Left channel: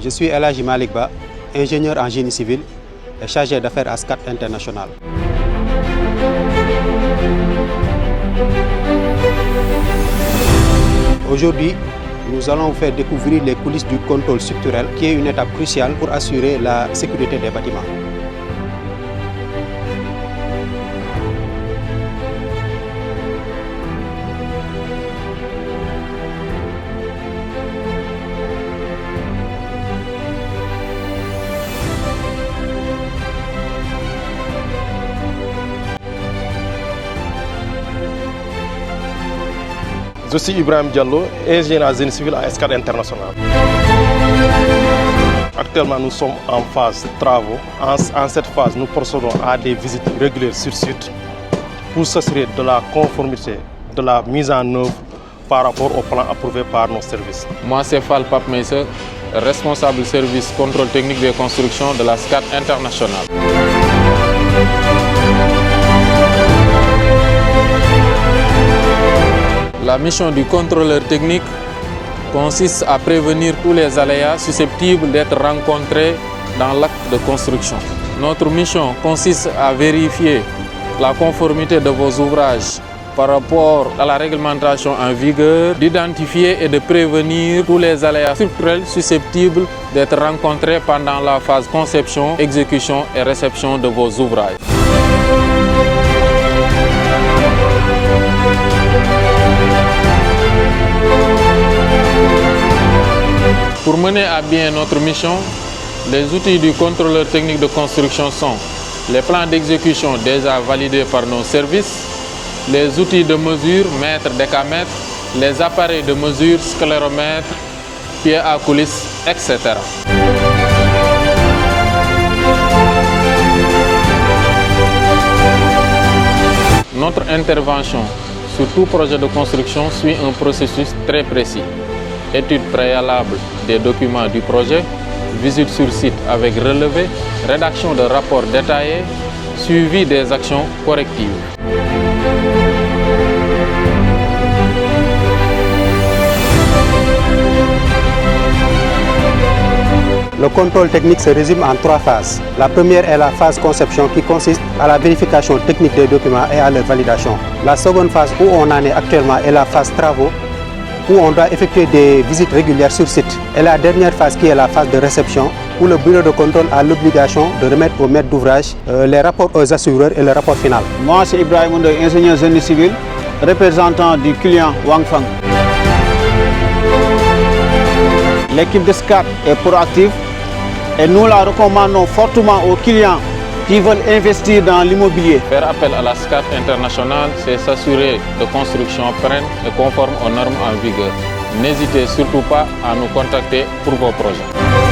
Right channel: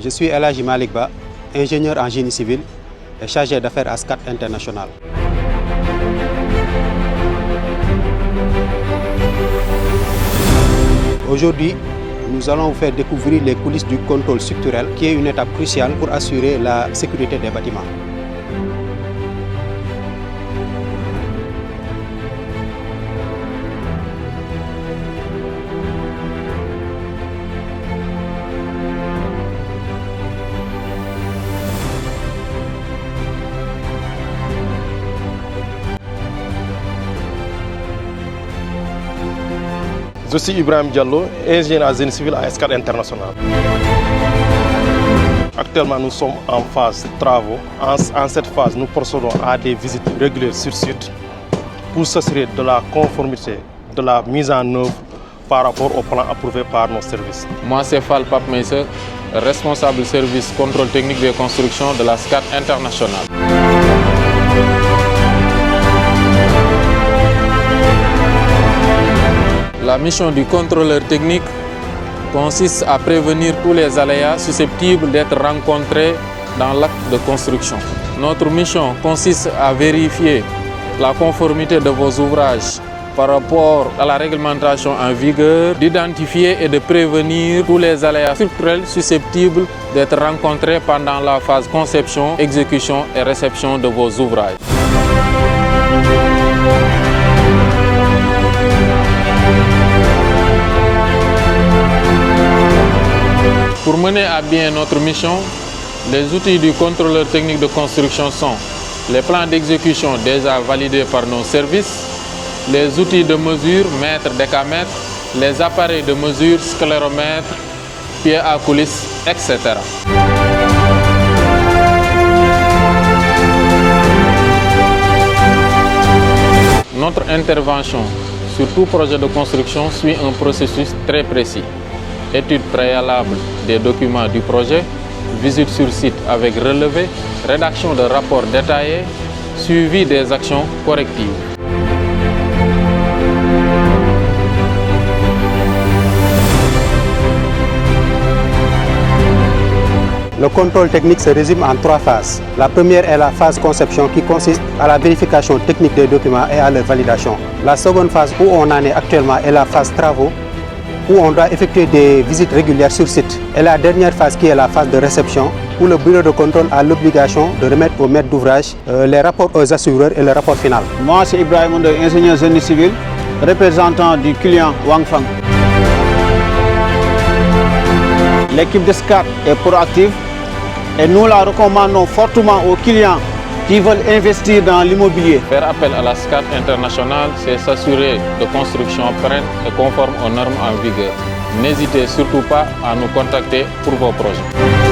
Je suis El Hadji Malick Ba, ingénieur en génie civil et chargé d'affaires à SCAT International. Aujourd'hui, nous allons vous faire découvrir les coulisses du contrôle structurel, qui est une étape cruciale pour assurer la sécurité des bâtiments. Je suis Ibrahim Diallo, ingénieur en génie civil à SCAT International. Actuellement, nous sommes en phase de travaux. En cette phase, nous procédons à des visites régulières sur site pour s'assurer de la conformité de la mise en œuvre par rapport au plan approuvé par nos services. Moi, c'est Fall Pape Meisse, responsable service contrôle technique des constructions de la SCAT International. La mission du contrôleur technique consiste à prévenir tous les aléas susceptibles d'être rencontrés dans l'acte de construction. Notre mission consiste à vérifier la conformité de vos ouvrages par rapport à la réglementation en vigueur, d'identifier et de prévenir tous les aléas structurels susceptibles d'être rencontrés pendant la phase conception, exécution et réception de vos ouvrages. Pour mener à bien notre mission, les outils du contrôleur technique de construction sont les plans d'exécution déjà validés par nos services, les outils de mesure, mètres, décamètres, les appareils de mesure, scléromètres, pieds à coulisses, etc. Notre intervention sur tout projet de construction suit un processus très précis. Étude préalable des documents du projet, visite sur site avec relevé, rédaction de rapports détaillés, suivi des actions correctives. Le contrôle technique se résume en 3 phases. La première est la phase conception qui consiste à la vérification technique des documents et à leur validation. La seconde phase où on en est actuellement est la phase travaux, où on doit effectuer des visites régulières sur site. Et la dernière phase qui est la phase de réception, où le bureau de contrôle a l'obligation de remettre au maître d'ouvrage les rapports aux assureurs et le rapport final. Moi, c'est Ibrahim Ondo, ingénieur génie civil, représentant du client Wangfang. L'équipe de SCAT est proactive et nous la recommandons fortement aux clients qui veulent investir dans l'immobilier. Faire appel à la SCAT International, c'est s'assurer de construction pérenne et conforme aux normes en vigueur. N'hésitez surtout pas à nous contacter pour vos projets.